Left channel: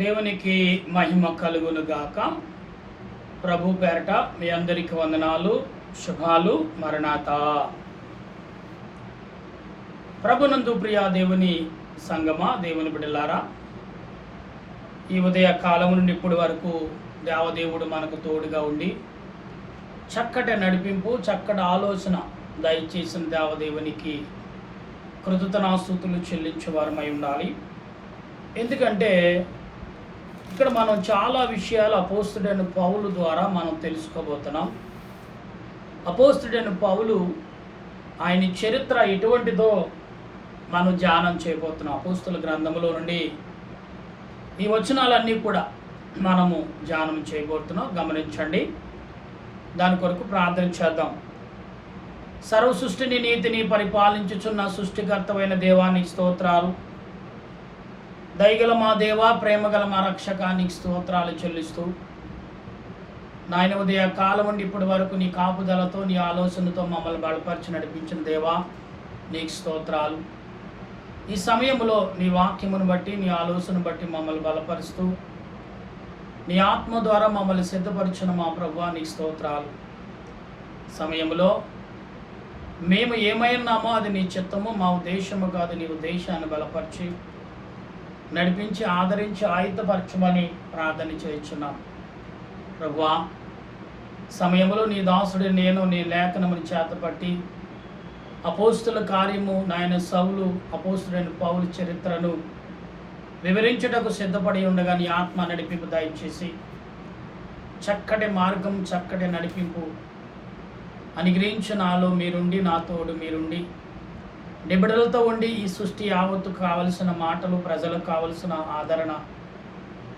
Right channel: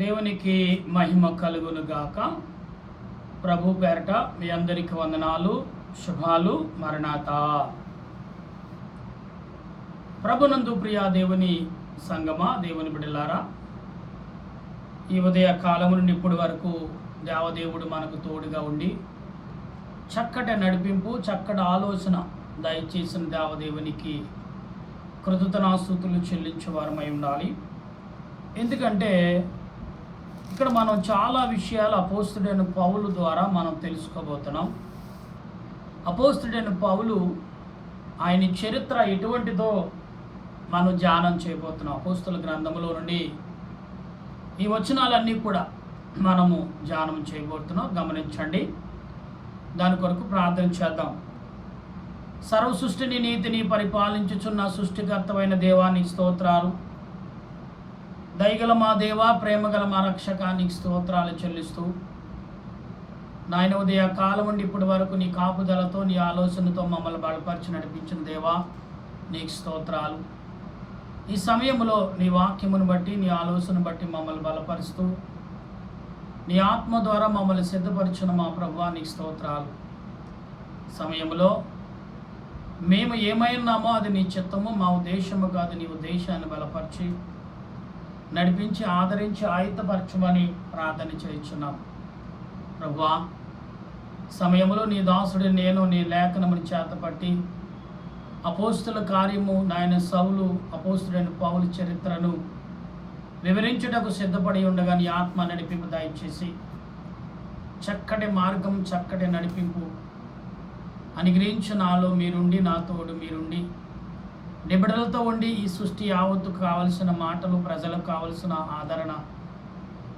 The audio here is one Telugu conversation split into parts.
దేవునికి మహిమ కలుగును గాక. ప్రభు పేరట మీ అందరికి వందనాలు, శుభాలు. మరణాత. ప్రభునందు ప్రియ దేవుని సంగమా, దేవుని బిడ్డలారా, ఈ ఉదయ కాలము నుండి ఇప్పటి వరకు దేవదేవుడు మనకు తోడుగా ఉండి చక్కటి నడిపింపు, చక్కటి ఆలోచన దయచేసిన దేవదేవునికి కృతజ్ఞతాస్తుతులు చెల్లించేవారమై ఉండాలి. ఎందుకంటే ఇక్కడ మనం చాలా విషయాలు అపోస్తుడైన పౌలు ద్వారా మనం తెలుసుకోబోతున్నాం. అపోస్తుడైన పౌలు ఆయన చరిత్ర ఎటువంటిదో మనం ధ్యానం చేయబోతున్నాం. అపోస్తుల గ్రంథంలో నుండి ఈ వచనాలన్నీ కూడా మనము ధ్యానం చేయబోతున్నాం. గమనించండి. దాని కొరకు ప్రార్థన చేద్దాం. సర్వ సృష్టిని నీతిని పరిపాలించుచున్న సృష్టికర్తమైన దేవానికి స్తోత్రాలు. దయగల మా దేవా, ప్రేమగల మా రక్షకానికి స్తోత్రాలు చెల్లిస్తూ, నాయన ఉదయ కాలం నుండి ఇప్పటి వరకు నీ కాపుదలతో, నీ ఆలోచనతో మమ్మల్ని బలపరిచి నడిపించిన దేవా నీకు స్తోత్రాలు. ఈ సమయంలో నీ వాక్యమును బట్టి, నీ ఆలోచన బట్టి మమ్మల్ని బలపరుస్తూ, నీ ఆత్మ ద్వారా మమ్మల్ని సిద్ధపరిచిన మా ప్రభువా నీకు స్తోత్రాలు. సమయంలో మేము ఏమైనామో అది నీ చిత్తము, మా ఉద్దేశము కాదు. నీ ఉద్దేశాన్ని బలపరిచి నడిపించి ఆదరించి ఆయుధపరచమని ప్రార్థన చేయించున్నాం. ప్రభువా, సమయంలో నీ దాసుడి నేను నీ లేఖనముని చేతపట్టి అపోస్తుల కార్యము నాయన సౌలు, అపోస్తుడైన పౌలు చరిత్రను వివరించుటకు సిద్ధపడి ఉండగా నీ ఆత్మ నడిపింపు దయచేసి చక్కటి మార్గం, చక్కటి నడిపింపు అనుగ్రహించిన నాలో మీరుండి, నా తోడు మీరుండి, నిబిడలతో ఉండి ఈ సృష్టి యావత్తుకు కావలసిన మాటలు, ప్రజలకు కావలసిన ఆదరణ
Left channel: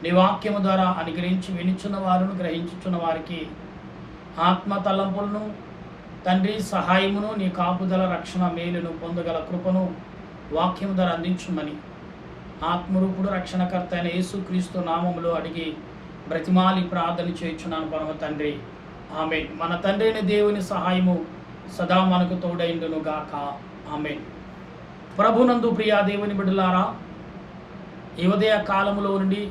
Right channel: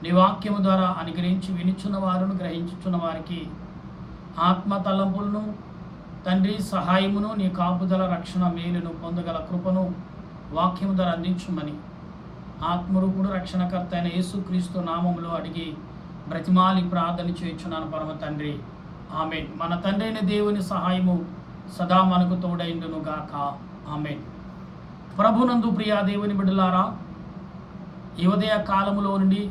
నీ వాక్యము ద్వారా అనుగ్రహించి వినిచున్న వారును, గ్రహించుచున్న వారికి ఆత్మ తలంపులను తండ్రి సహాయమును, నీ కాపుదల, రక్షణ, మేలును పొందగల కృపను వాక్యము ద్వారా అందించుమని ఆత్మరూపుడు రక్షణకర్త అయిన యేసుక్రీస్తు నామములో అడిగి బ్రతిమాలి ప్రార్థన చేయుచున్నాను పరమ తండ్రి. ఆమేన్. మన తండ్రి అయిన దేవుని సహాయము సదా మనకు తోడైండును గాక. ఆమేన్. ప్రభునందు ప్రియా దేవుని బిడ్డలారా, ఈ ఉదయ కాలములో నుండి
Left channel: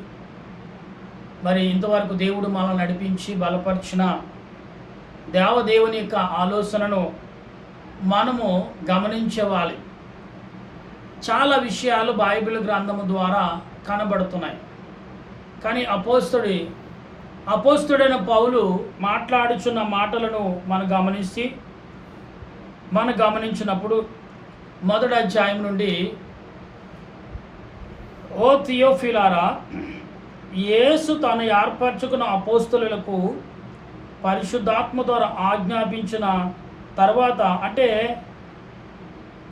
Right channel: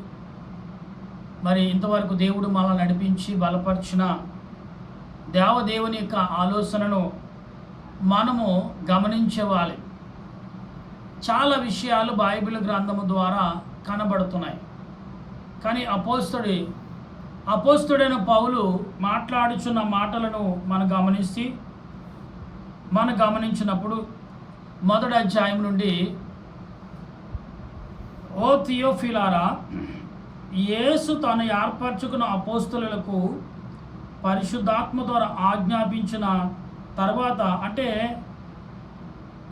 మరి ఇంతవరకు దేవుడు మనల్ని నడిపించి బలపరిచిన దేవదేవుని యొక్క ఆలోచనను మనము గమనించేవాలి. చాలా విషయాలు బైబిల్ గ్రంథము ద్వారా కనబడుతున్నాయి. కానీ అపోస్తుడైన పౌలు మాట్లాడుచున్న మాటలను మనం గమనించినప్పుడు మొదటి అధ్యాయం నుండి, ఓ థియోఫిలారా, యేసు తాను ఏర్పరచుకున్న అపోస్తులకు పరిశుద్ధాత్మ ద్వారా ఆజ్ఞాపించిన తర్వాత, అంటే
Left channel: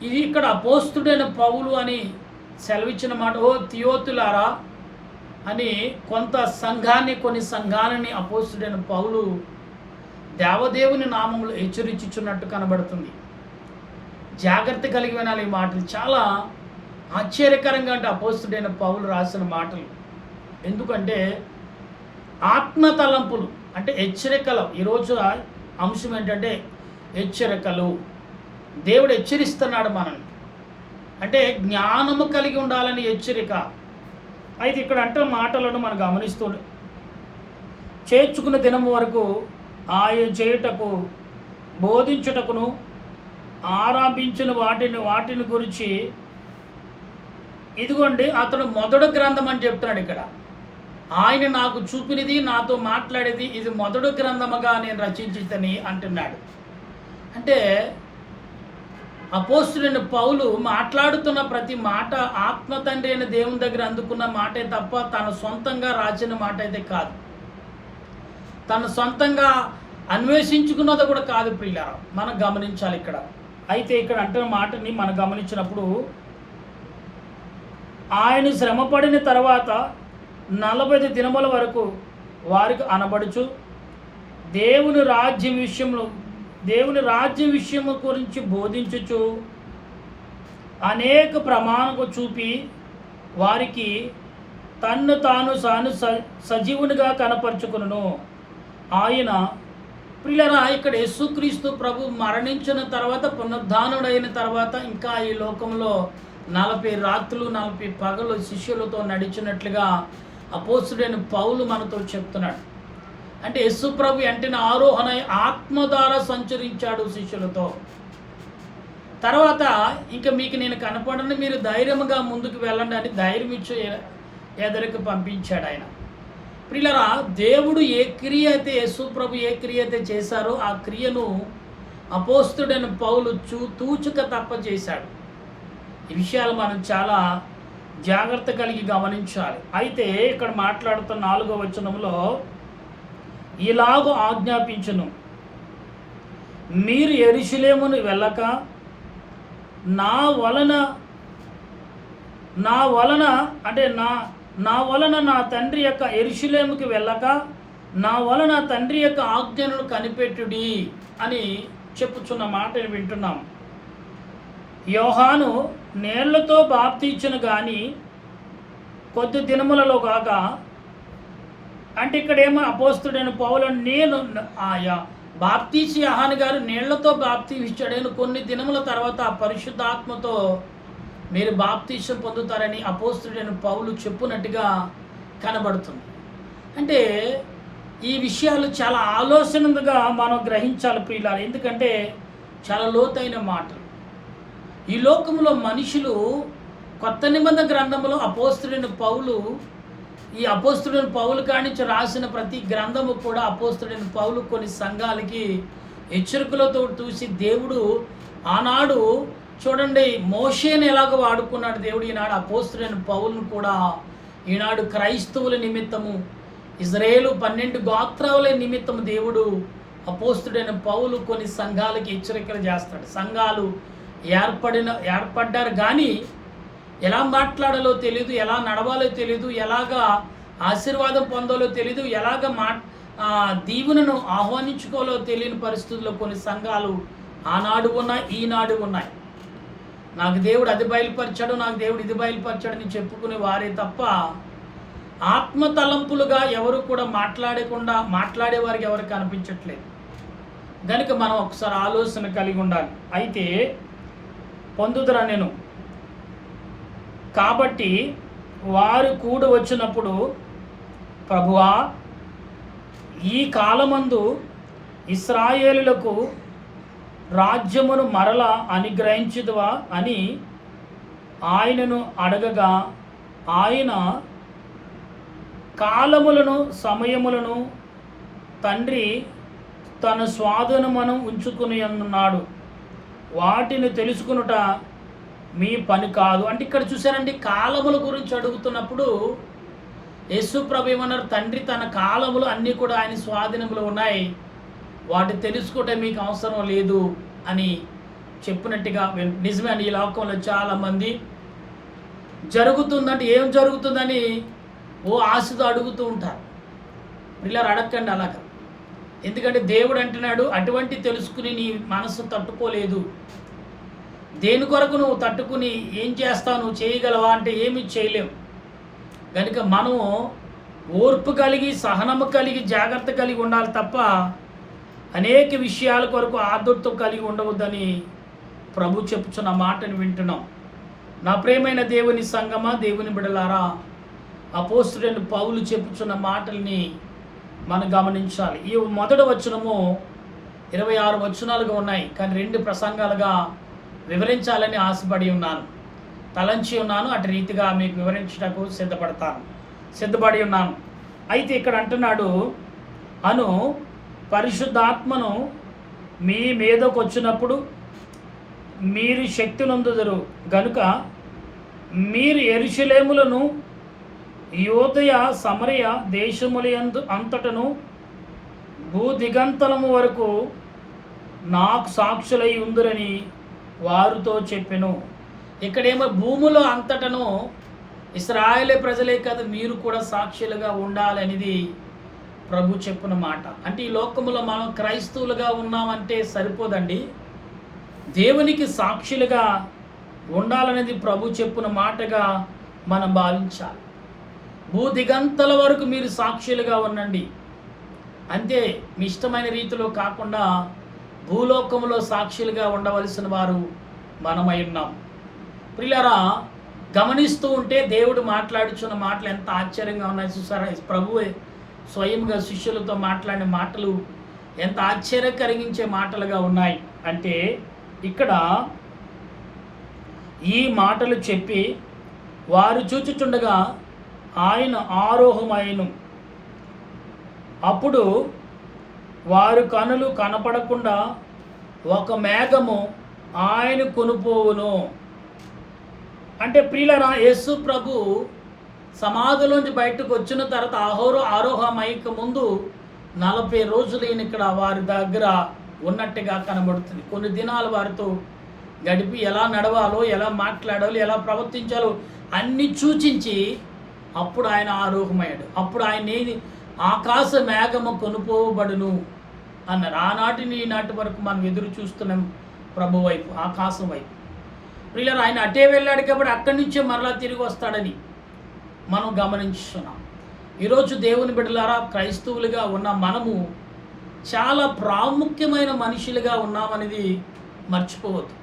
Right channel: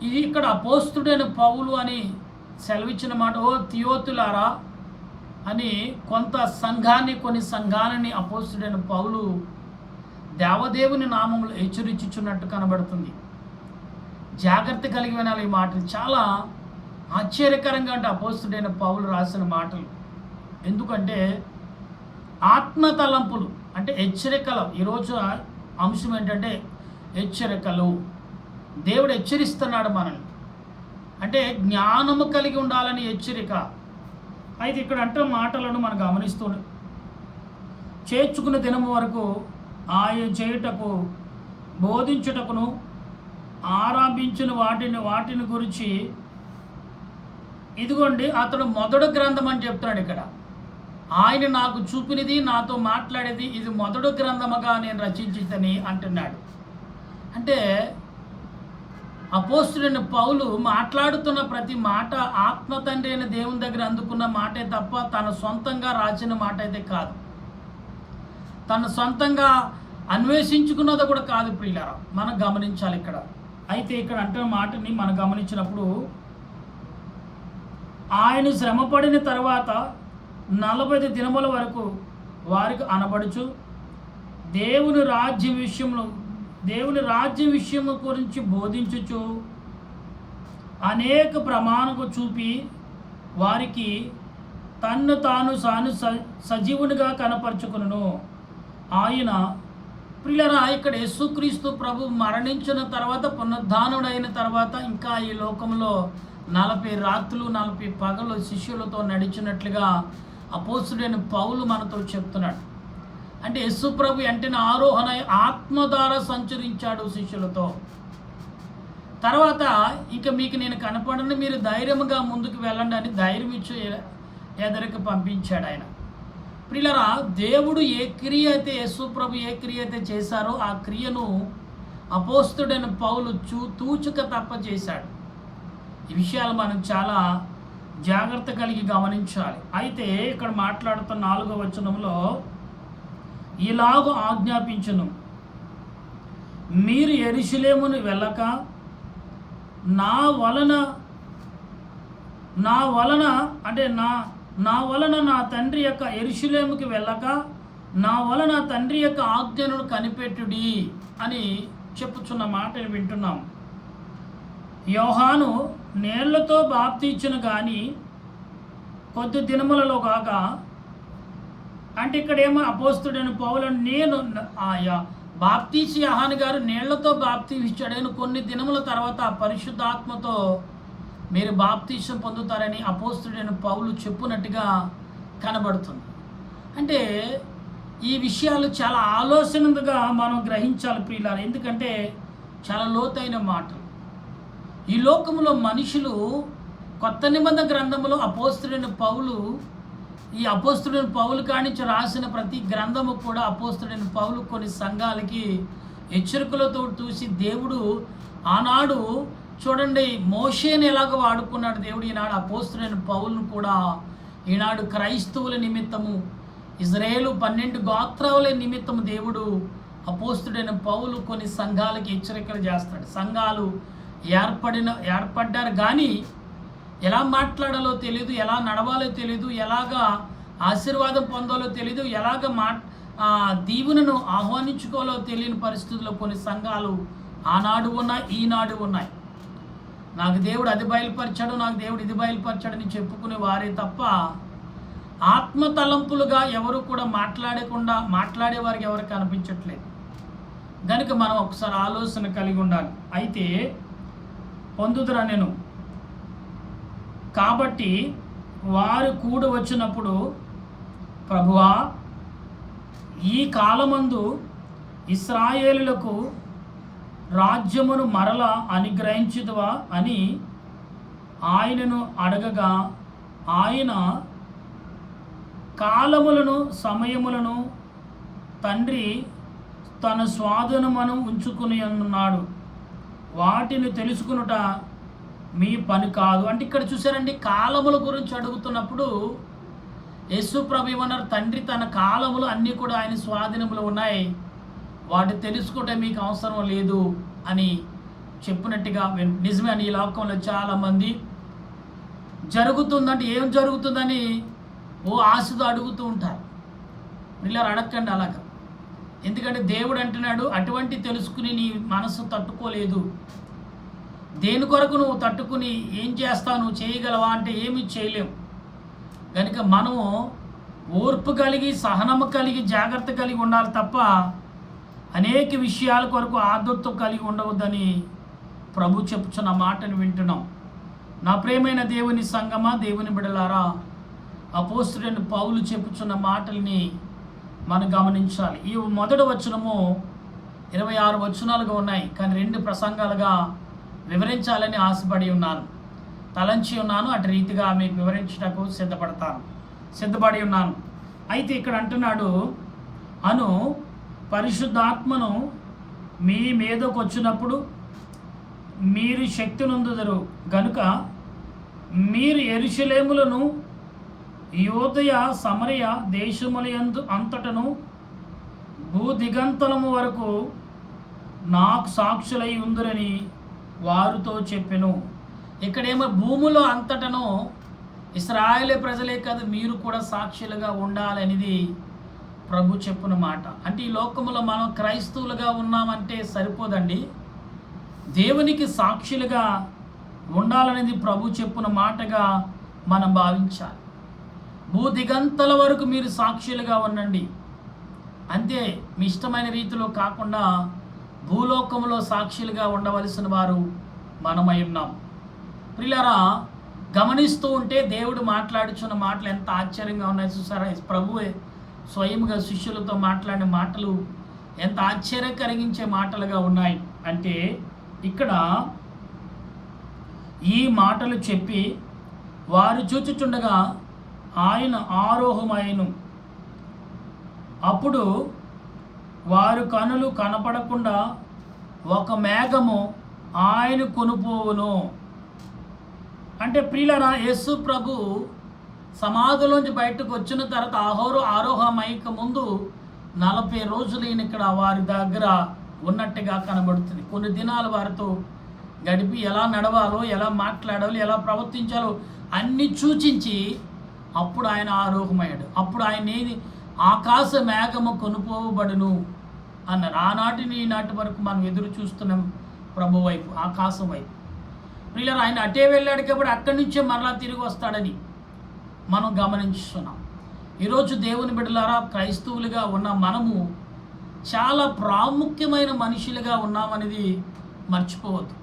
ఇది ఇక్కడ అపోస్తుడైన పౌలు అని సెలవిచ్చిన మాట. ఓ థియోతులారా అని కొన్ని సంఘాలని అపోస్తుడైన పౌలు దేవదేవుని నామములు హెచ్చరించుచున్నట్టు కనబడుతుంది. జాగ్రత్త కలిగి వినాలి ఈ మాటలు. చాలా ఆశ్చర్యకరంగా అంటే అపోస్తుడైన పౌలు రాసిన మాటలు. ఎందుకంటే ఆత్మ తలంపులు అంటే హెచ్చరికలు. ఈరోజు అంశం ఏంటంటే హెచ్చరికలు. దేవుడు హెచ్చరిస్తున్నాడు మనల్ని. అంటే జ్ఞానము కలిగి ఉండాలని హెచ్చరిక. అయితే ఇక్కడ అంటే మాటలను మనం గమనిస్తూ, చేర్చుకున్న దినము వరకు ఆయన చేయుటకు, బోధించుటకును ఆరంభించిన వాటిని గురించి, ఇదిగోండి అతడు మొదటి గ్రంథం అని చెప్తున్నాడు ఇక్కడ. ఆయన నాకు చూపినది, నాతో మాట్లాడేది, ఇది మొదటి గ్రంథముగా నేను రచించితని అంటున్నాడు. అంటే అపోస్తుడైన పౌలు మాట్లాడుతున్న ప్రతి మాట ఆత్మ తండ్రి అయిన దేవుని దగ్గర అందుకున్న మాటే తప్ప తన సొంతంగా రాసిన మాట అయితే కాదు. తన సొంతంగా అన్వేషించుకున్నది కూడా కాదు. ప్రియులారా, మనం గమనించాలి ఇక్కడ. అయితే ఇక్కడ అంటున్న మాటని మనం గమనించినప్పుడు, ఆయన శ్రమపడిన తర్వాత 40 దినముల వరకు వారికి అనబడుచు దేవుని రాజ్య విషయము గురించి బోధించుచు అనేక ప్రమాణము చూపి వారికి తన్ను తాను సజీవునిగా కనపరుచుకును. ఆయన ప్రియులారా, ఇక్కడ యేసుక్రీస్తు ప్రభు మరణించిన తర్వాత, పునరుద్ధానుడైన తర్వాత ఇంకా ఈ లోకంలో 40 రాత్రులు 40 పగలు శిష్యులతో నడిచినట్లుగా అపోస్తుడైన పౌలు మనతో చెప్తున్నాడు. అంటే యేసు ప్రభు వెంటనే ఆరోహణ ఆత్మ ద్వారా సంచరించాడు శిష్యులతో. తర్వాత ఇంకా మీకు నేను కనపడని, మీరు ధైర్యంగా ముందుకు వెళ్ళండి అని ధైర్యం ఇచ్చి ఎదరికి పంపించాడు ఆయన. ప్రియులారా, దేవుడు ఏ క్రియ అయితే యేసు ప్రభు ఏ క్రియ అయితే చేశారో ఆ క్రియను అపోస్తుడైన పౌలు తూచుక తప్ప చేశాడు. ఈ విషయాలు మనం చాలా జాగ్రత్త కలిగి గమనించాలి. అయితే ఇక్కడ మాట్లాడుతున్న 4వ వచనంలో ఇలాగ ఆజ్ఞాపించును, మీరు యెరూషలేమును వెళ్ళక నా వలన నా తండ్రి యొక్క యెరూషలేముకి వెళ్ళక నా వలన తండ్రి యొక్క ఆజ్ఞను కనిపెట్టుడి అని చెప్పుచున్న మాటను వింటున్నాం. యోహాను నీళ్లతో బాప్తీచును కానీ కొద్ది దినములలో కాగా, అంటే ఇక్కడేమో అపోస్తుడైన పౌలు నేను బాప్తీసి యోహాను గారు నీళ్లతో బాప్తీసాడని కొన్ని దినముల తర్వాత పరిశుద్ధాత్మతో మీరు బాప్తీసం పొందుతారని అపోస్తుడైన పౌలు చెప్పునట్టుగా కనబడుతుంది. అంటే ఈ విషయాలు చాలా ఆలోచనగా మనం గ్రహించాలి ప్రియులారా. ఎందుకంటే చాలా లోతైన మాటలు. ఈ లోకంలో మనుషులు కొత్త నిబంధన గ్రంథంలో అపోస్తుడైన పౌలు కానించి రాసిన ప్రతి గ్రంథము కూడా అపోస్తుడైన పౌలు కొన్ని సంఘాలకి హెచ్చరికలతో చూసి దేవుడు ఆనాడు చూడండి మోషేని ఎలాగో వాడుకున్నాడు దేవుడు, ఈనాడు అపోస్తుడైన పౌలును కూడా ఈనాడు క్రైస్తవుల నిమిత్తము ఇజ్రాయేలు 12 గోత్రాల నిమిత్తము దేవుడు అపోస్తుడైన పౌలు కొన్ని సంఘాలకి హెచ్చరికలు చేస్తాడు. సంఘాలు ఏర్పడ్డారు కానీ ఎలా మాట్లాడాలో తెలియదు, ఎలా నడవాలో తెలియదు, ఎలాగా ఆశీర్వాదం పొందాలో తెలియదు, ఎలాగ దీవెనను ఆహ్వానించుకోవాలో తెలియని పరిస్థితుల్లో కొన్ని సంఘాలు ఆనాడు ఉన్నాయి, ఈనాడు ఉన్నాయి. నాకు దేవుడు అది బయలుపరిచాడు, నాకు దేవుడు ఇది బయలుపరిచాడని చెప్పుకునే వారే తప్ప ఆత్మ తలంపులుగా ఎవరు కూడా మాట్లాడేవారికి ఎవరు కనిపించట్లేదు. కనుక మనం ఒకసారి ఆలోచన కలిగి ఉండాలి. అయితే పొందుదురా నేను కాబట్టి వారు కూడి వచ్చినప్పుడు, ప్రభువా ఈ కాలమందు ఇశ్రాయేలులకు రాజ్యమును మరలా అనుగ్రహించుదువా అని ఆయనను అడగగా, ఆయన కాలములను సమయములను తండ్రి తన స్వాధీనమును ఉంచుకుని ఉన్నాడు, వాటిని తెలుసుకునుట మీ పని కాదు. అంటే ఇక్కడ చూసారండి, కాలముల గురించి అడుగుతున్నప్పుడు యేసు ప్రభు ఏమన్నారు, తండ్రి తన కాలములు అన్నీ కూడా ఆయన స్వాధీనములు ఉన్నాయి, వాటి తెలుసుకుంటే మీకు అవసరం లేదు అని చెప్పినట్టుగా నిజమే అండి. ఈ లోకంలో చాలామంది జరుగుతుందంటే ఏం జరుగుతుందని ఆశతో అడుగుతూ ఉంటారు. పిల్లలు అడగండి అలాగా. ఎందుకంటే దేవుడు అంటున్నాడు, అటువంటి తెలుసుకుని నీ మనసు తట్టుకోలేదు, దేని కొరకు నువ్వు తట్టుకుని ఏం చేస్తావు, నువ్వు చేయగలవా అంటే ఏమి చేయలేవు. కనుక మనము ఓర్పు కలిగి సహనము కలిగి జాగ్రత్త కలిగి ఉండాలి తప్ప అనేక విషయాల కొరకు ఆదుర్తో కలిగి ఉండవద్దని ప్రభు చెప్పుచున్న మాటను వింటున్నాం. నా ప్రియమైన దేవుని సంగమా, దేవుని బిడలారా, అపోస్తుడైన పౌలు చెప్పుచున్న మాటల్ని మనం గమనించాలి. ఈ మొదటి వచనము 26 వచనాలుగా ఉన్నాయి, కానీ 2 ప్రసంగాలుగా వివరించాలని ఆశపడి ఉన్నాను, తలంచి ఉన్నాను. అటు రీతిగా మీకు వివరించడానికి సిద్ధపడి ఉన్నాను. అయితే ఇక్కడ అంటున్నాడు, అను పరిశుద్ధాత్మను మీ మీదకు వచ్చినప్పుడు మీరు శక్తి నొందుదురు గనుక మీరు యెరూషలేములను యూదయ సమరయ దేశములయందు అంతటను భూదిగంతలము వరకు నాకు సాక్షులై ఉందురని వారితో చెప్పెను. ఇక్కడేమో భూములో అంతటను ఇశ్రాయేలే ప్రజలే కాదు మీరు కూడా సాక్షులుగా ఉండాలనేది ప్రభు చెప్పిన మాట. అంటే ఈ లోకములో మనం క్రైస్తవులుగా ఉన్నామంటే సరిపోదండి, దేవునికి సాక్షులుగా ఉండాలనేది ప్రభు చెప్పిన మాటగా మనం భావించాలి. భూదిగంతల వరకు మీరు సాక్షులుగా ఉండండి, అంతే. మీ ఇష్టమైన రీతిలో కాకుండా భూలోకములో సాక్షులుగా ఉండవలసిన వారు మనమై ఉన్నాం. ప్రియులారా, గమనిస్తూ ఉంటే దేవుడు మాట్లాడుచున్న మాటలు ఎంత ఆశ్చర్యంగా ఉన్నాయి చూసారా. ప్రభువే స్వయంగా శిష్యులతో మాట్లాడిన మాటలు ఎంత ఆశ్చర్యం కలిగించే మాటలుగా ఉన్నాయి అంటే, ఇక్కడ ఈ మాటలు చెప్పి వారు చూచుచుండగా ఆయన ఆరోహమైను. అప్పుడు వారు కనులు కనపడకుండా ఒక మేఘము ఆయన కొనుపోవును. అంటే ప్రియులారా, యేసు ప్రభు సమాధిలోంచి బయటకు వచ్చిన తర్వాత ఆరోహమైక ముందు 40 రోజులు ఈయన ఇక్కడ వారి దగ్గర ఉన్నట్టుగా కనబడుతుంది. కొన్ని దినాలు వారితో గడిపి ఎలా నడవాలో, ఎలా మాట్లాడాలో, ఎలా ప్రవర్తించాలో అన్నీ సూచించి అప్పుడు ఆయన ఆరోహమయ్యాడు. అప్పుడు ఆయన ఆకాశ మేఘము కొనుపోబడును అన్నారు. ఆనాటి ఈనాటి వరకు మనం ఎదురు చూస్తున్నాం ప్రభు వైపు, ఆకాశం వైపు. ప్రియులారా, ఆయన అటే వెళ్ళాడు కాబట్టి అక్కడి నుంచే మరలా తిరిగి వస్తాడని మనం గమనించుతున్నాం. ఈరోజు దేవుని బిడ్డలారా, క్రైస్తవులుగా ఉన్న మనము చాలా ప్రాముఖ్యమైన మనుషులుగా ఉన్నామనేది మర్చిపోవద్దు.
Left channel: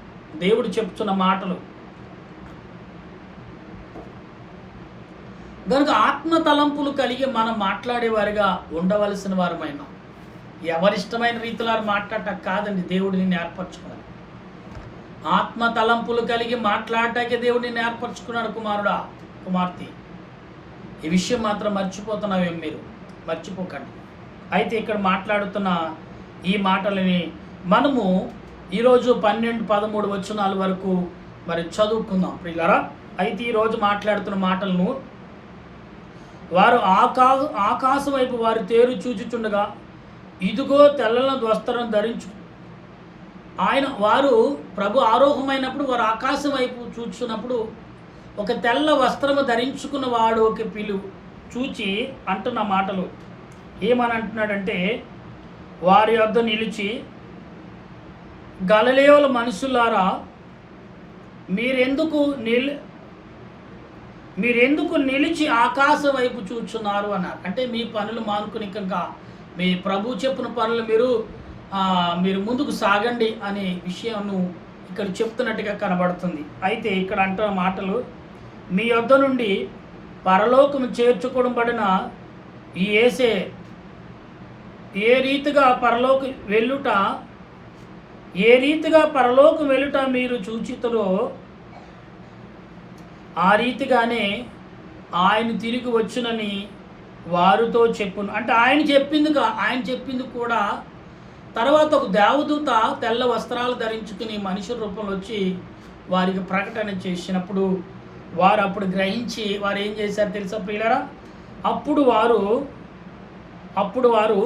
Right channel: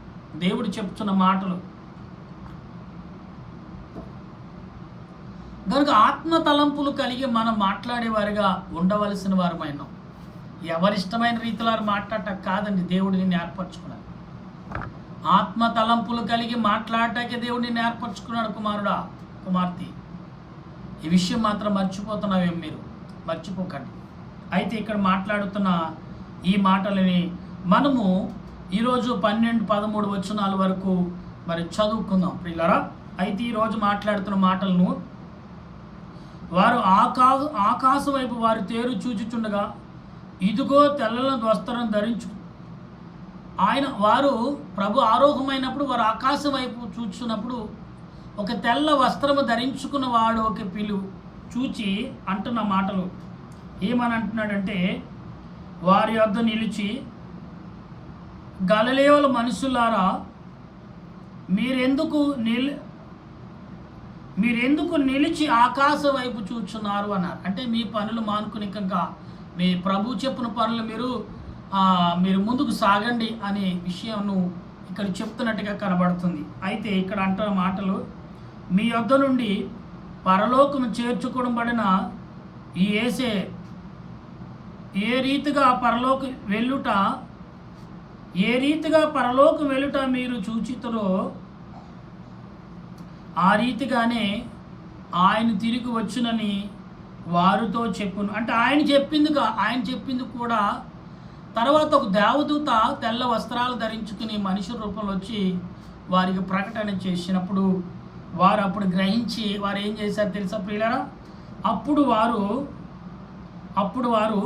దేవుడు చెప్తున్న మాటలు కనుక ఆత్మ తలంపులు కలిగి మనం మాట్లాడేవారిగా ఉండవలసిన వారమైనా, ఎవరిష్టమైన రీతిలో మాట్లాడటం కాదండి. దేవుడు నిన్ను ఏర్పరచుకున్నాడు. ఆత్మ తలంపులు కలిగి మాట్లాడటానికి దేవుడు నిన్ను ఏర్పరచుకున్నాడు. కుమారుడా, కుమార్తె, ఈ విషయం మాత్రం మర్చిపోతున్నావేం? మీరు మర్చిపోకండి. అయితే ఇక్కడ మాట్లాడుతున్న ఈ మాటలని మనము ఈరోజు 12, 13 వచనాల వరకు మరి చదువుకుందాం ప్రియులారా. అయితే ఈరోజు మాట్లాడుతున్న మాటలను, వారు ఆకాశం వైపు వారు తేరు చూచుచుండగా ఇదిగో తెల్లని వస్త్రం ధరించు. వారు ప్రభు ఆరోహమైనప్పుడు వారు ఆకాశం వైపు చూచున్నప్పుడు ఒక తెల్ల వస్త్రము ధరించుకున్న వాడు ఒక చూచి అంటున్న మాటలు ఏమని అంటున్నాడంటే, వారి వద్ద నిలిచి, గలిలయల మనుషులారా, మీరెందుకు నిలిచి ఆకాశం వైపు చూచున్నారు అన్నారు. అంటే మీ పనులు మానుకుని ఇంకా మీ ప్రభు చెప్పిన పనులు మీరు ముందుకు సాగండి అనే విషయాన్ని ఇక్కడ చెప్తున్నట్టుగా కనబడుతుంది. అయితే ఇక్కడ అంటున్న మాటలు, మీ యొద్ద నుండి పరలోకము చేర్చుకోబడిన ఈ యేసే ఏ రీతిగా పరలోకం వెళ్ళుట మీరు చూచితురో ఆ రీతిగానే ఆయన తిరిగి వచ్చునని వారితో చెప్పును. అంటే ఆయన చెప్పింది కూడా తర్వాత ఒక దేవదూత తెల్ల వస్త్రాలు ధరించుకుని మనిషి రూపంలో వచ్చి వారికి ప్రకటన చేసినప్పుడు వారు అప్పుడు గ్రహించి వారు ఏం చేశారు తెలుసా ప్రియులారా? అప్పుడు వారు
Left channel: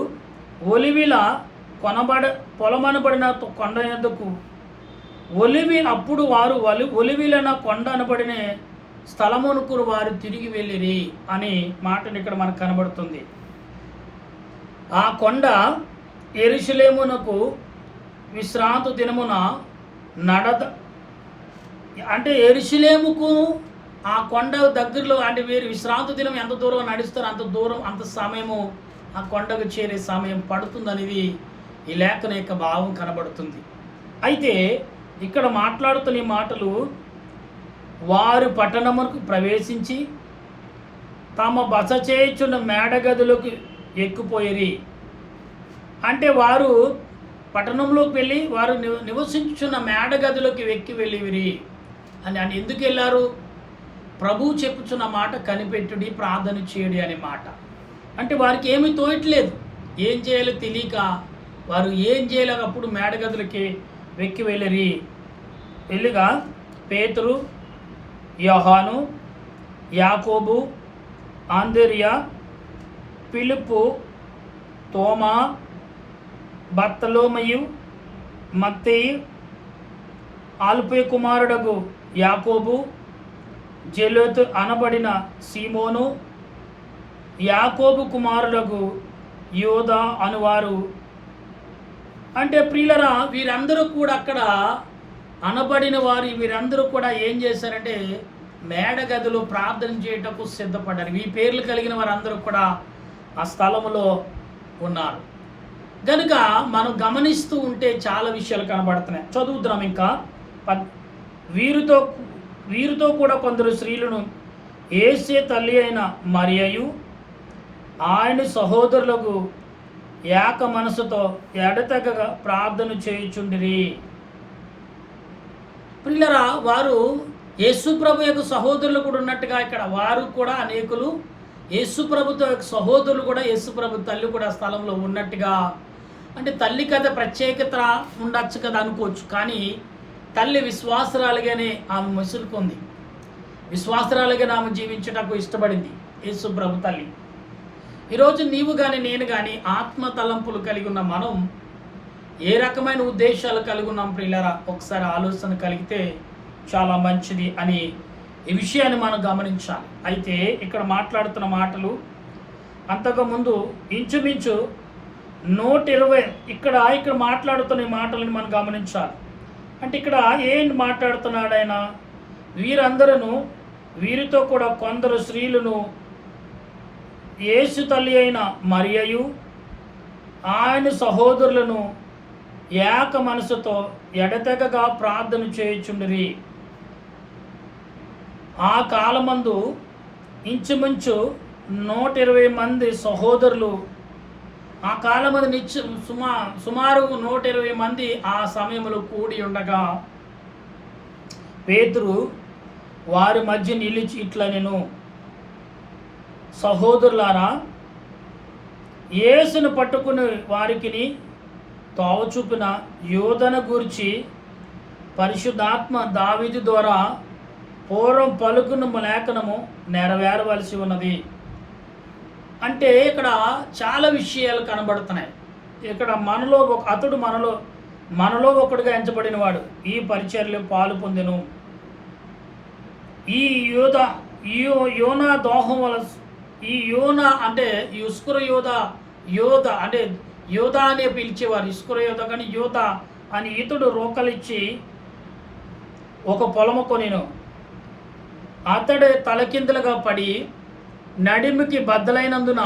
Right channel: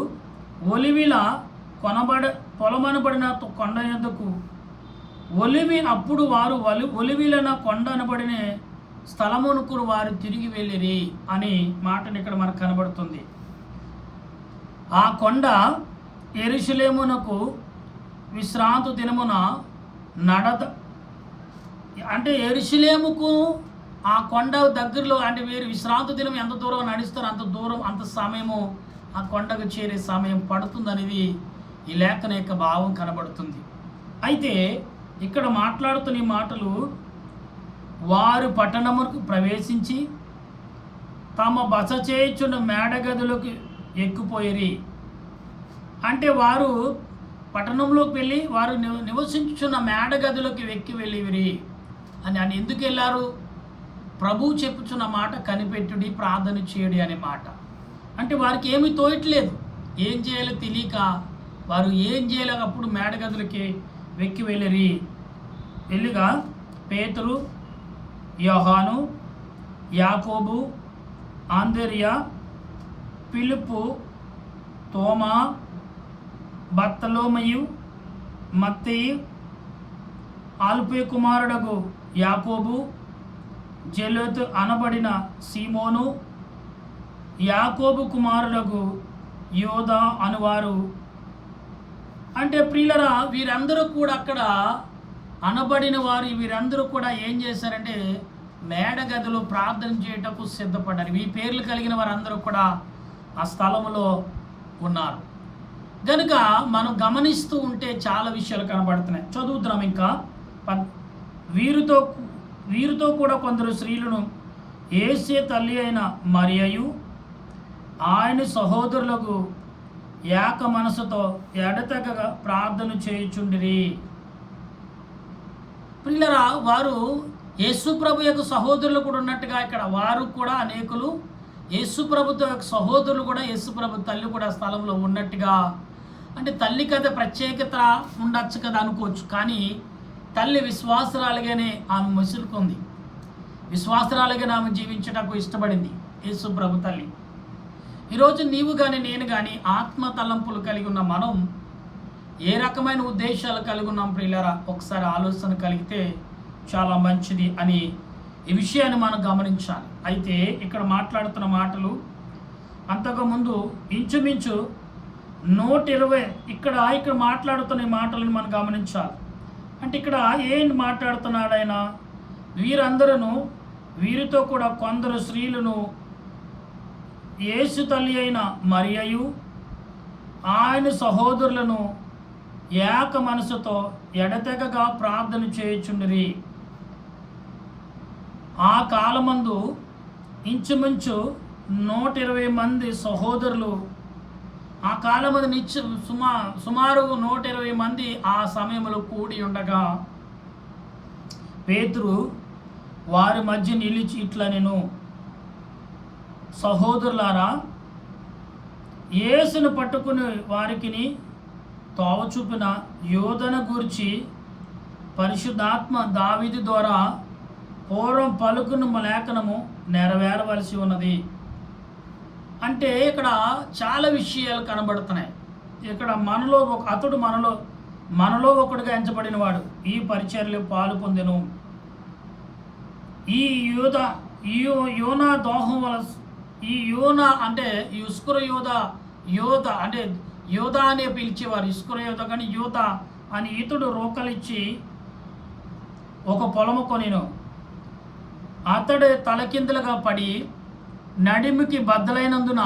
ఒలివిల పొలమనబడిన కొండ యొద్దకు ఒలివిలన కొండ అనబడిన స్థలమునకు వారు తిరిగి వెళ్ళిరి అనే మాటను ఇక్కడ మనకు కనబడుతుంది. ఆ కొండ యెరూషలేమునకు విశ్రాంతి దినమున అంటే యెరూషలేముకు ఆ కొండ దగ్గరలో, అంటే వీరు విశ్రాంతి దినం ఎంత దూరం నడుస్తారో అంత సమయము ఆ కొండకు చేరే సమయం పడుతుందనేది ఈ లేఖన యొక్క భావం కనబడుతుంది. అయితే ఇక్కడ మాట్లాడుతున్న ఈ మాటలు, వారు పట్టణముకు ప్రవేశించి తమ బస చేయుచున్న మేడగదులకు ఎక్కిపోయిరి. అంటే వారు పట్టణంలోకి వెళ్ళి వారు నివసించున్న మేడగదిలోకి ఎక్కి వెళ్ళివిరి అని ఎందుకు వెళ్ళారు? ప్రభువు చెప్పుచున్న మాట కనిపెట్టుడి, ప్రార్థన చేయుడి అనే మాట. అంటే వారికి ఏమీ తోయట్లేదు, ఏం చేయాలో తెలియక వారు ఏం చేయలేక అప్పుడు మేడగదులకి వెక్కి వెళ్ళగా పేతురు, యోహాను, యాకోబు, ఆంద్రెయ, ఫిలిప్పు, తోమా, బర్తలోమయు, మత్తయి, ఆల్ఫయి కుమారుడగు యాకోబు, జెలోతు అనబడిన సీమోను, యాకోబు కుమారుడగు యోదా అనువారు. అంటే ప్రియులరా, వీరందరూ కూడా అక్కడ అనబడిన వారు వీరందరూ కూడా ఏం చేశారంటే మేడగదిలో ప్రార్థన చేయటకు సిద్ధపడ్డారు. ఈ పేర్లు కలిగిన వారందరూ కూడా ఆ స్థలములో ఉన్నారు. కనుక మనం గమనిస్తూ ఉంటే చాలా విషయాలు కనబడుతున్నాయి. చదువుద్దాం ఇంకా. వీరితో కూడా కొందరు స్త్రీలను యేసే తల్లి అయిన మరియయు ఆయన సహోదరులకు ఏక మనసుతో ఎడతెగక ప్రార్థన చేయుచుండిరి. ప్రియులరా, వారు యేసుప్రభు యొక్క సహోదరులు కూడా ఉన్నట్టుగా ఇక్కడ వారు కూడా అనేకులు యేసుప్రభుతో యొక్క సహోదరులు కూడా యేసుప్రభు తల్లి కూడా ఆ స్థలంలో ఉన్నట్టుగా, అంటే తల్లి కదా ప్రత్యేకత ఉండొచ్చు కదా అనుకోవచ్చు. కానీ తల్లి విశ్వాసరాలుగానే ఆమె మసులుకుంది, విశ్వాసరాలుగానే ఆమె జీవించటకు ఇష్టపడింది యేసుప్రభు తల్లి. ఈరోజు నీవు కానీ నేను కానీ ఆత్మ తలంపులు కలిగి ఉన్న మనం ఏ రకమైన ఉద్దేశాలు కలిగి ఉన్నాం ప్రియులారా, ఒకసారి ఆలోచన కలిగితే చాలా మంచిది అని ఈ విషయాన్ని మనం గమనించాలి. అయితే ఇక్కడ మాట్లాడుతున్న మాటలు అంతకుముందు ఇంచుమించు 120 ఇక్కడ మాట్లాడుతున్న ఈ మాటలను మనం గమనించాలి. అంటే ఇక్కడ ఏంటి మాట్లాడుతున్నాడు ఆయన? వీరందరూ వీరితో కూడా కొందరు స్త్రీలను యేసు తల్లి అయిన మరియయు ఆయన సహోదరులను ఏక మనసుతో ఎడతెగగా ప్రార్థన చేయుచుండిరి. ఆ కాలమందు ఇంచుమించు 120 మంది సహోదరులు, ఆ కాలమంది సుమారు 120 మంది ఆ సమయంలో కూడి ఉండగా పేతురు వారి మధ్య నిలిచి ఇట్లా, నేను సహోదరులారా, యేసును పట్టుకుని వారికిని తావ చూపిన యోధన గూర్చి పరిశుద్ధాత్మ దావీదు ద్వారా పూర్వం పలుకున్న లేఖనము నెరవేరవలసి ఉన్నది. అంటే ఇక్కడ చాలా విషయాలు కనబడుతున్నాయి. ఇక్కడ అతడు మనలో ఒకడుగా ఎంచబడిన వాడు ఈ పరిచర్యలో పాలు పొందెను. ఈ యోనా దోహం వల్ల, ఈ యోనా అంటే ఇస్కర యోధ అంటే యోధ అనే పిలిచేవారు, ఇస్కర యోధ కానీ యోధ అని ఇతడు రోకలిచ్చి ఒక పొలము కొనెను. అతడు తలకిందులుగా పడి నడిమికి బద్దలైనందున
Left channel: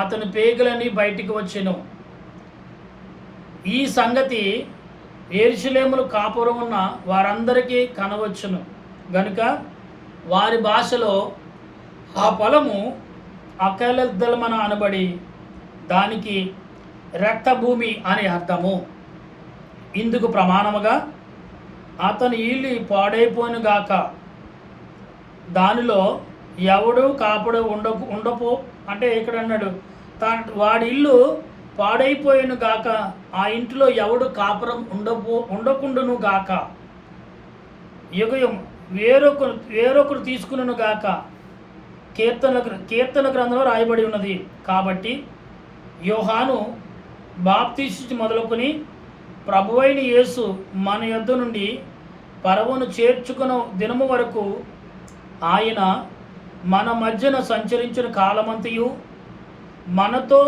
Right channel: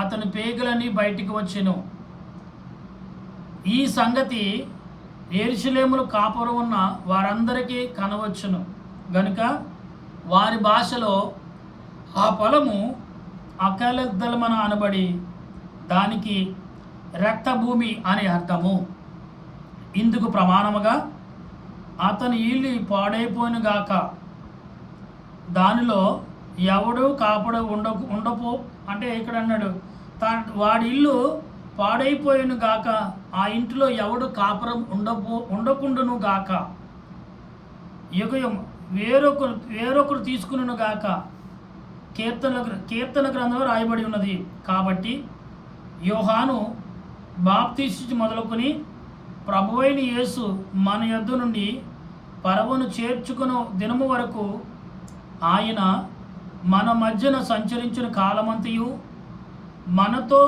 అతని పేగులని బయటికి వచ్చెను. ఈ సంగతి యెరూషలేములో కాపురం ఉన్న వారందరికీ కనవచ్చును గనుక వారి భాషలో ఆ పొలము అకలద్దలమన అనబడి దానికి రక్తభూమి అని అర్థము. ఇందుకు ప్రమాణముగా అతని ఇల్లు పాడైపోయిను గాక, దానిలో ఎవడు కాపుడు ఉండపో అంటే ఇక్కడ అన్నాడు వాడి ఇల్లు పాడైపోయిను గాక, ఆ ఇంటిలో ఎవడు కాపురం ఉండకుండును గాక, యుగయం వేరొకరు తీసుకును గాక కీర్తన గ్రంథంలో రాయబడి ఉన్నది. కాబట్టి యోహాను బాప్తీసు మొదలుకొని ప్రభువైన యేసు మన యొద్ద నుండి పరవను చేర్చుకున్న దినము వరకు ఆయన మన మధ్యన సంచరించిన కాలమంతయు మనతో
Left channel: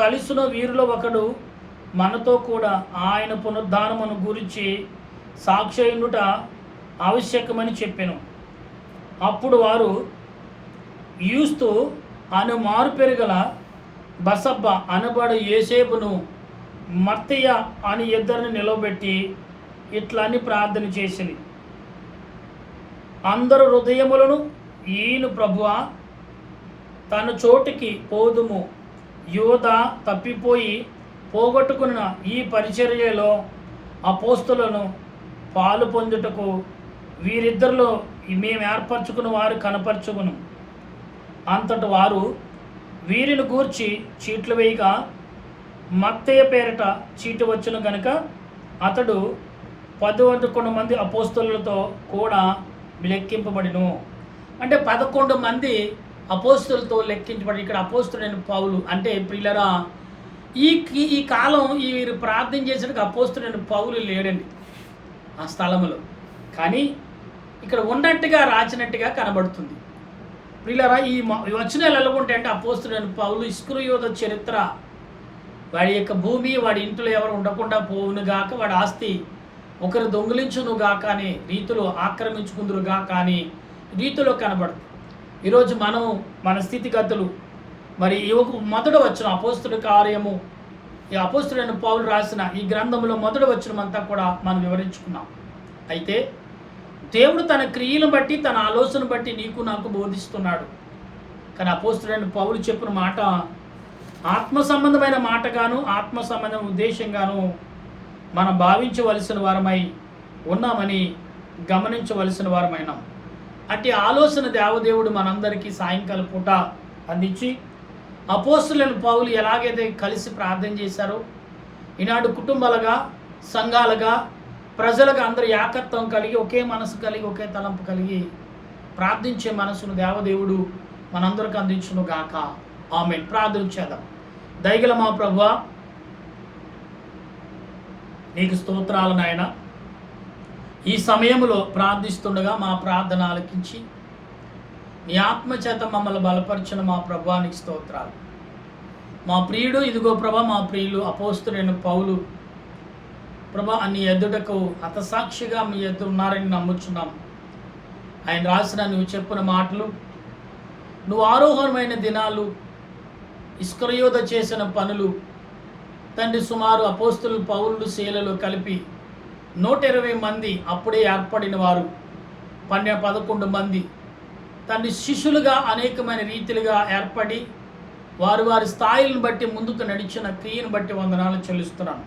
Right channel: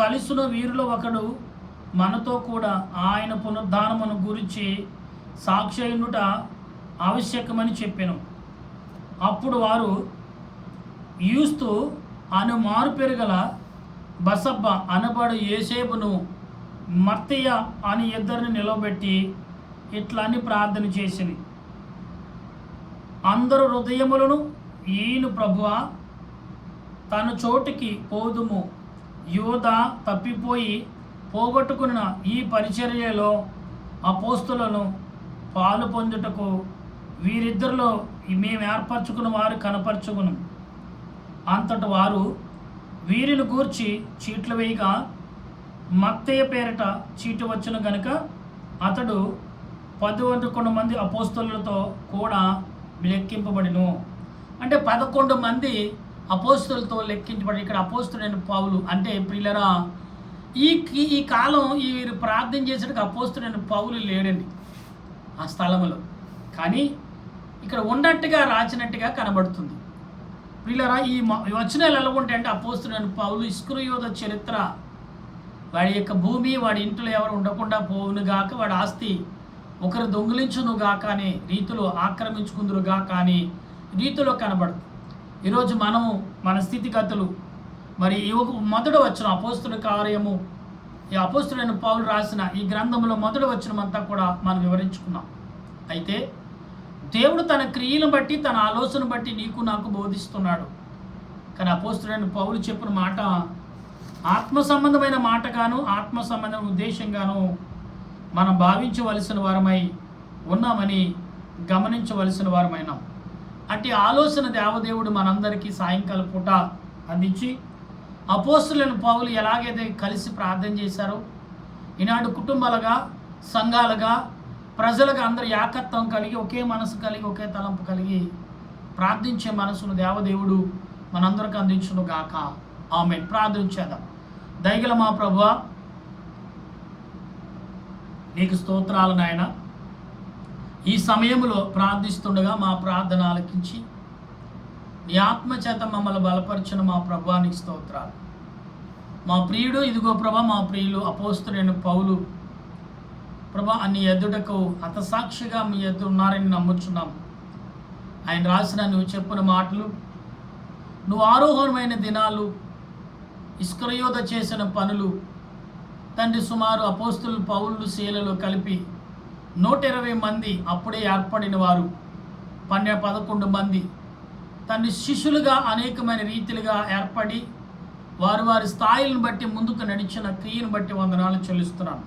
కలిసిన వీరిలో ఒకడు మనతో కూడా ఆయన పునరుద్ధానమును గురించి సాక్షియుండుట ఆవశ్యకమని చెప్పెను. అప్పుడు వారు యూస్తు అను మారు పెరగల బసబ్బ అనబడు యేసేపును మత్తయ్య అని ఇద్దరిని నిలవబెట్టి ఇట్లా అని ప్రార్థన చేసింది. అందరు హృదయములను ఈయన ప్రభువా తన చోటికి పోదుము, యోధ తప్పిపోయి పోగొట్టుకున్న ఈ పరిచర్యలో అపోస్తులను పాలు పొందుటకు వీరిద్దరిలో మేము ఏర్పరచుకున్న వారు కనపరచుకును. అంతటి వారు వీరిని గూర్చి చీట్లు వేయగా మత్తయ్య పేరిట చీటు వచ్చును గనుక అతడు 11 మంది అపోస్తులతో కూడా లెక్కింపబడిను. అంటే 11 మంది అపోస్తులతో లెక్కించబడి, ఇక్కడ అపోస్తుడైన పౌలు అంటే ప్రియులరా, ఈ కాలం వీరు ప్రార్థన చేసేటప్పుడు అపోస్తుడైన పౌలు లేడండి ఆ స్థలంలో. కానీ ఇక్కడ ఉన్నట్టుగా రాసినట్టుగా కనబడుతుంది. ప్రియులరా, ఈ వచనాలు ఎలా ఉంటాయంటే అపోస్తుడైన పౌలు ఇస్కరియోత చరిత్ర, వాడి యొక్క భూమి వాడి ఇంట్లో ఎవరు ఉండకుండా పోవును గాక, వాడి ఆస్తి ఒకరు దొంగిలించును గాక అనే రీతిలో ఆక్రమించుకుందురు గాక అని రీతిలో కనబడుతుంది. ఈరోజు మనము మన స్థితిగతులు మరి మొదట వచ్చిన అపోస్తుల కార్యము, ఈ అపోస్తుడైన పౌలు రాసిన ఈ గ్రంథంలో మొదట వచ్చినమంతా కూడా మనం వివరించుకున్నాం. అయితే దేవుడు తన క్రియలను బట్టి, తన ఆలోచన బట్టి నీకు నాకు బోధిస్తున్నాడు. కానీ అపోస్తలుడైన పౌలు చెప్పిన మాట ఆత్మ సంబంధమైన మాటగాను, ఆత్మ సంబంధమైన ఉద్దేశంగాను మనం భావించవలసిన వారమై ఉన్నామని గమనించవలసిన వారమైనాం. అట్టి ఆలోచన దేవదేవుడు మనందరికీ సాయంకాల పూట అందించి, అపోస్తలుడైన పౌలు ఎలాగైతే కలిసి ప్రార్థన చేశారో, ఈనాడు కుటుంబాలుగా, సంఘాలుగా, ప్రజలుగా అందరూ ఏకత్వం కలిగి, ఒకే మనసు కలిగి, ఒకే తలంపు కలిగి ప్రార్థించే మనసును దేవదేవుడు మనందరికి అందించును గాక. ఆమేన్. ప్రార్థన చేద్దాం. దయగల మా ప్రభువా, నీకు స్తోత్రాలు నాయన. ఈ సమయంలో ప్రార్థిస్తుండగా మా ప్రార్థన ఆలకించి నీ ఆత్మచేత మమ్మల్ని బలపరిచిన మా ప్రభువా నీకు స్తోత్రాలు. మా ప్రియుడు, ఇదిగో ప్రభా, మా ప్రియులు అపోస్తలుడైన పౌలు ప్రభా నీ ఎదుటకు హతసాక్షిగా మీ ఎదురు ఉన్నారని నమ్ముచున్నాం. ఆయన రాసిన నువ్వు చెప్పిన మాటలు, నువ్వు ఆరోహణమైన దినాలు, ఇస్కరియోత చేసిన పనులు, తండ్రి సుమారు అపోస్తలు పౌలు శీలలో కలిపి 120 మంది అప్పుడే ఏర్పడిన వారు, 11 మంది తండ్రి శిష్యులుగా అనేకమైన రీతిలుగా ఏర్పడి వారి వారి స్థాయిలను బట్టి ముందుకు నడిచిన క్రియను బట్టి వందనాలు చెల్లిస్తున్నాను.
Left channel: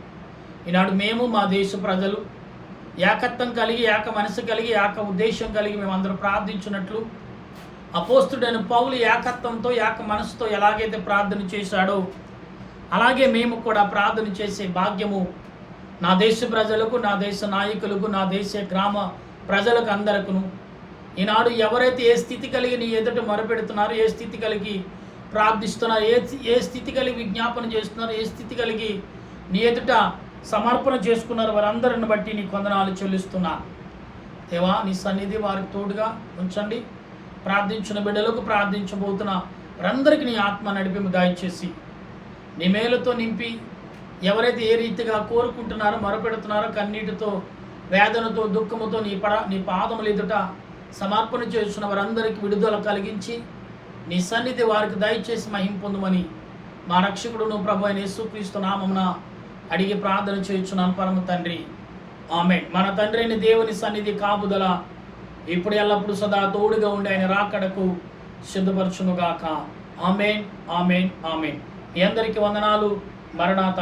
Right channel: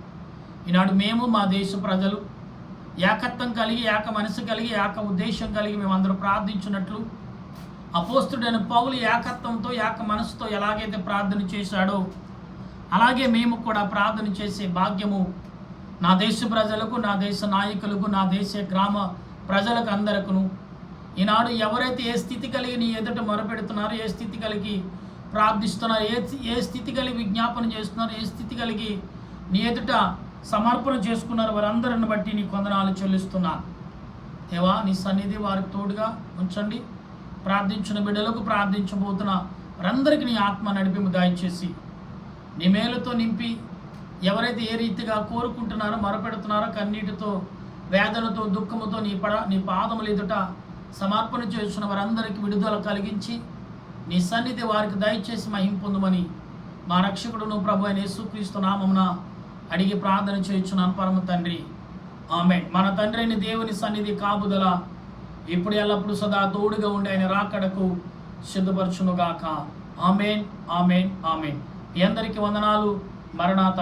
ఈనాడు మేము, మా దేశ ప్రజలు ఏకత్వం కలిగి, ఏక మనసు కలిగి, ఏక ఉద్దేశం కలిగి మేమందరం ప్రార్థించినట్లు అపోస్తలుడైన పౌలు ఏకత్వంతో, ఏక మనసుతో ఎలాగైతే ప్రార్థన చేశాడో అలాగే మేము కూడా ప్రార్థన చేసే భాగ్యము నా దేశ ప్రజలకు, నా దేశ నాయకులకు, నా దేశ గ్రామ ప్రజలకు అందరికను ఈనాడు ఎవరైతే ఏ స్థితి కలిగి నీ ఎదుట మొరపెడుతున్నారో, ఏ స్థితి కలిగి ప్రార్థిస్తున్నారు, ఏ స్థితి కలిగి విజ్ఞాపన చేస్తున్నారు, ఏ స్థితి కలిగి నీ ఎదుట సమర్పణ చేసుకున్నారు, వారందరిని బట్టి నీ వందనాలు చెల్లిస్తున్నా. దేవా, నీ సన్నిధి వారికి తోడుగా ఉంచండి. ప్రార్థించిన బిడ్డలకు, ప్రార్థించబోతున్న వారందరికీ నీ ఆత్మ నడిపి దయచేసి నీ మేలుతో నింపి, ఎవరైతే ఏ రీతిగా కోరుకుంటున్నారో, మొరపెడుతున్నారో, కన్నీటితో, వేదనతో, దుఃఖముతో నీ పాదములు ఎదుట సమర్పణ చేస్తున్న వారందరికీ విడుదల కలిగించి నీ సన్నిధి వారికి దయచేసి మహిమ పొందుమని మా రక్షకుడును ప్రభు అయిన యేసుక్రీస్తు నామమున అడిగి ప్రార్థన చేయుచున్నాను పరమ తండ్రి. ఆమేన్. మన తండ్రి అయిన దేవుని సన్నిధి కాపుదల ఇప్పుడు ఎల్లప్పుడు సదా తోడుగా ఉండి ఆయన రాకడకు సిద్ధపరచునుగాక. ఆమేన్, ఆమేన్, ఆమేన్. మీ అందరికీ వందనాలు. మరణాత.